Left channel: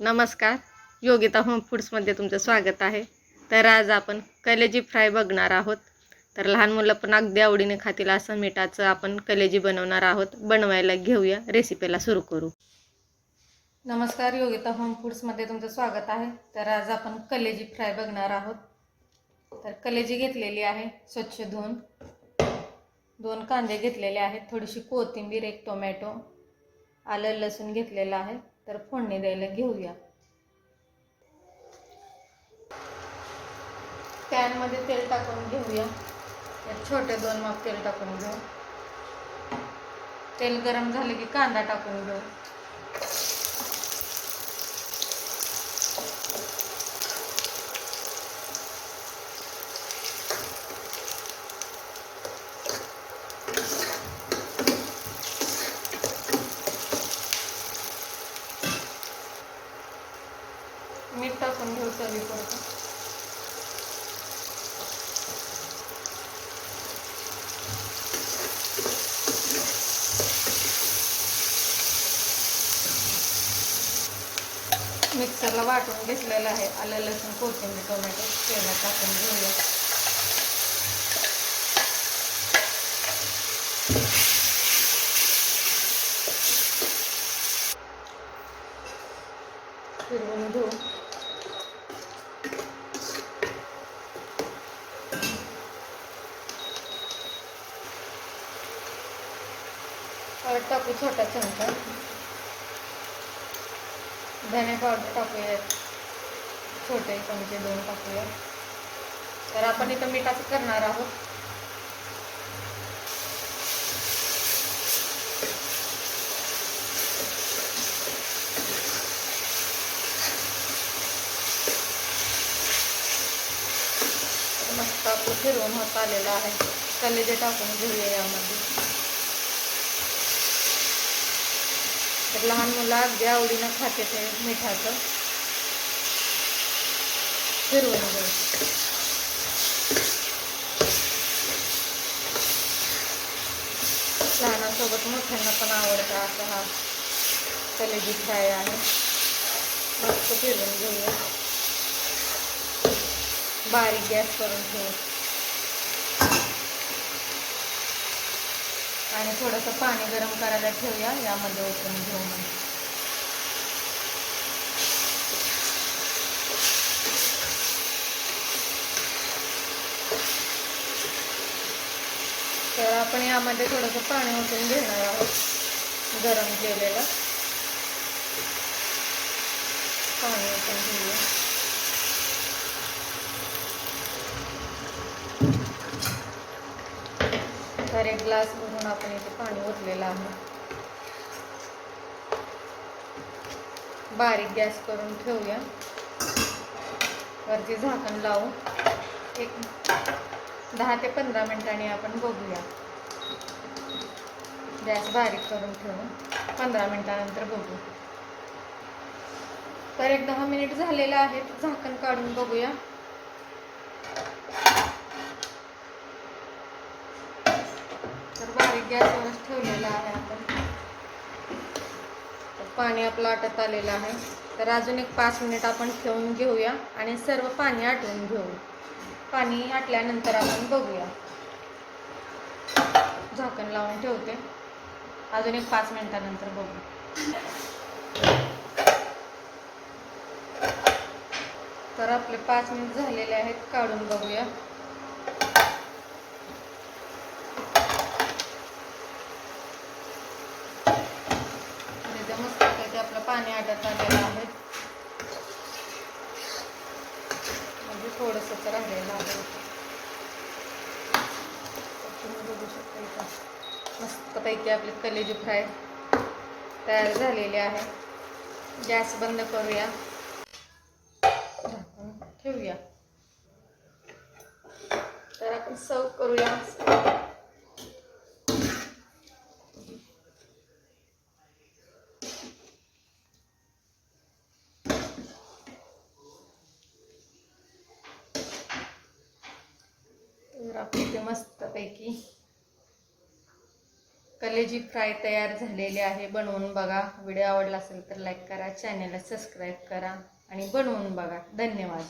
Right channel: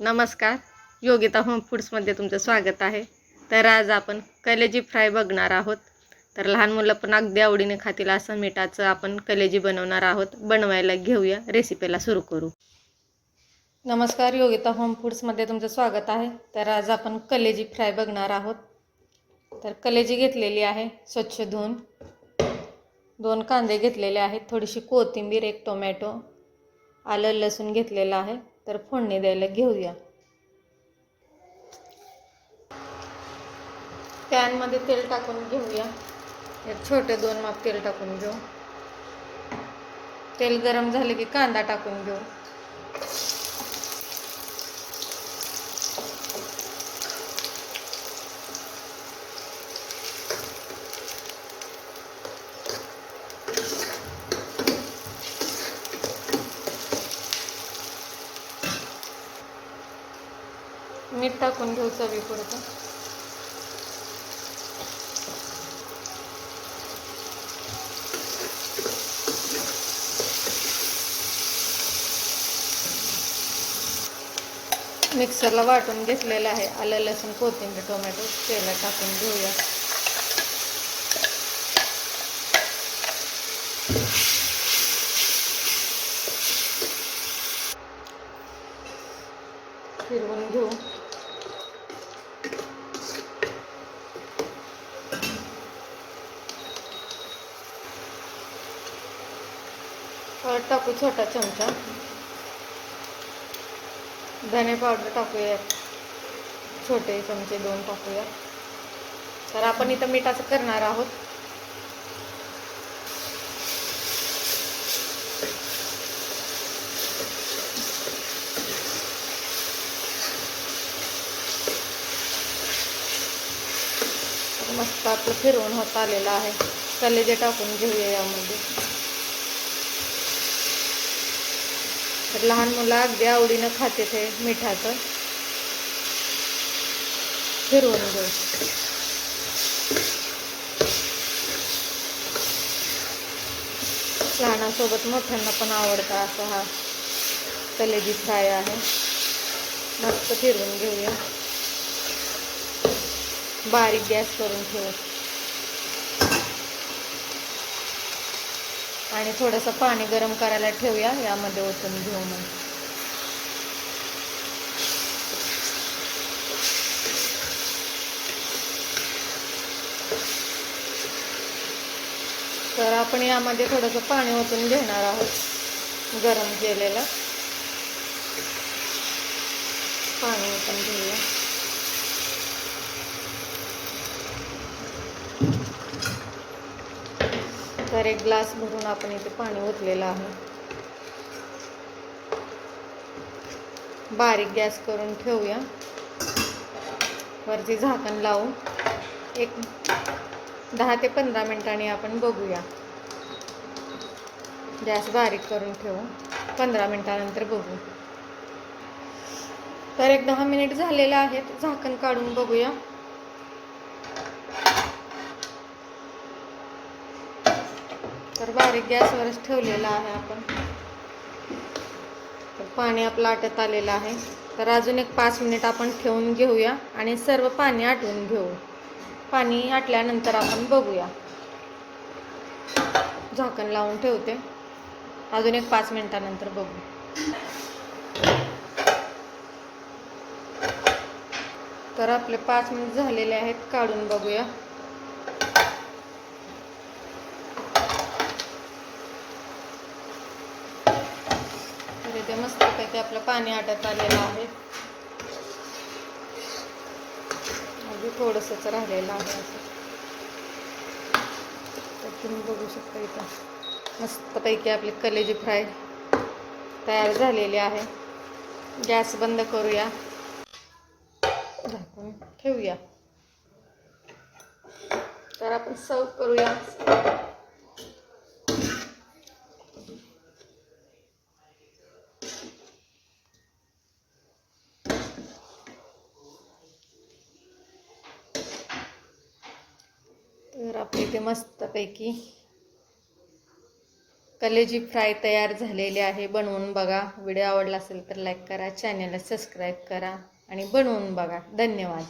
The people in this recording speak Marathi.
नमस्कार. योगिता होम फूड्समध्ये तुमचं स्वागत आहे. तर आज आपण कलेजी फ्राय बघणार आहोत. तर लहान मुलं पण अगदी आवडीने खातील असं मिठाचं आपण कलेजी बनवणार आहोत. बनवायला घेऊया. रेसिपीला सुरू करू. नमस्कार योगिता होम फूड्समध्ये तुमचं स्वागत आहे. तर आज आपण कलेजी फ्राय बघणार आहोत. तर कलेजी घेतलेली आहे स्वच्छ धुवून. दोन कांदे घेतलेले आहेत. थोडीशी कोथिंबीर एक टोमॅटो आलं लसूण घेतलेलं आहे. तर फोडणी द्यायला घेऊया. पॅनमध्ये तेल टाकून घेऊया. एक छोटे दोन मग तेल टाकून घेऊ. तेल गरम झाले की कांदा टाकून घेऊ. मीठ टाकून घेऊ चवीपुरतं मिक्सरला वाटून घेतलेलं आहे. आलं लसूण कोथिंबीर टोमॅटो तेलात टाकून घेऊया. फिरवून घेऊ. हळद टाकू छोटा चमचा. धने पावडर टाकूया छोटे चमचे दोन टाकूया तर आपण इथं मिठाचं करणार आहोत. मस्त आपलं फिरवून होत आलेलं आहे. कलेजे टाकून घेऊया यामध्ये. तर लहान मुलं अगदी आवडीनं खाते ते मिठाचं. फिरवून घेऊ लहानांसोबत मोठ्यांना पण आवडता असा हा कलेजी फ्राय आहे. मस्त फिरवून घेऊया. बारीक गॅस करून ठेवू आणि थोडंसं पाणी गरम करायला ठेवूया यामध्ये ओतून घेऊ मग. तर आपण यामध्ये थोडंसं पाणी ओतून घेणार आहोत गरम केलेलं. पाणी ओतून घेऊया. एक ग्लास भरून आपण इथे पाणी ओतलेलं आहे. बारीक गॅस करून ठेवूया. वरती झाकण लावून एक दहा ते पंधरा मिनिटांनी आपण बघूया. गॅस बारीक करून ठेवू पंधरा मिनिटानंतर बघू. तर एक दहा मिनिट झालेलं आहे. झाकण काढून बघूया. तर गॅसवरच ठेवलेला आहे आपण. पाणी आपलं आटत आलेलं आहे. तर अजून एक पाच मिनिट आपण ठेवून घेऊया आणि सर्व पाणी आटवून घेऊ. पाणी आटल्यानंतर आपण बघूया. झाकण लावून ठेवते. अजून एक पाच मिनिटानंतर बघू. तर आपले पाच मिनिट झालेले आहेत काढून बघूया तिथे मस्त ते आपलं पाणी आटत आलेलं आहे. म्हणजे थोडंसंच राहिलेलं आहे तर तुम्ही बघू शकता इथं. मस्तपैकी आपली कलेजी फ्राय तयार झालेली आहे. गॅस बंद करूया. ठेवूया. तर आपण सर्व करूया. तर इथे मस्तपैकी. कलेजी फ्राय तयार झालेले आहे. बनवून बघा. व्हिडिओ आवडला असेल तर लाईक करा. चॅनलला सबस्क्राईब करा आणि बनवून बघा. धन्यवाद.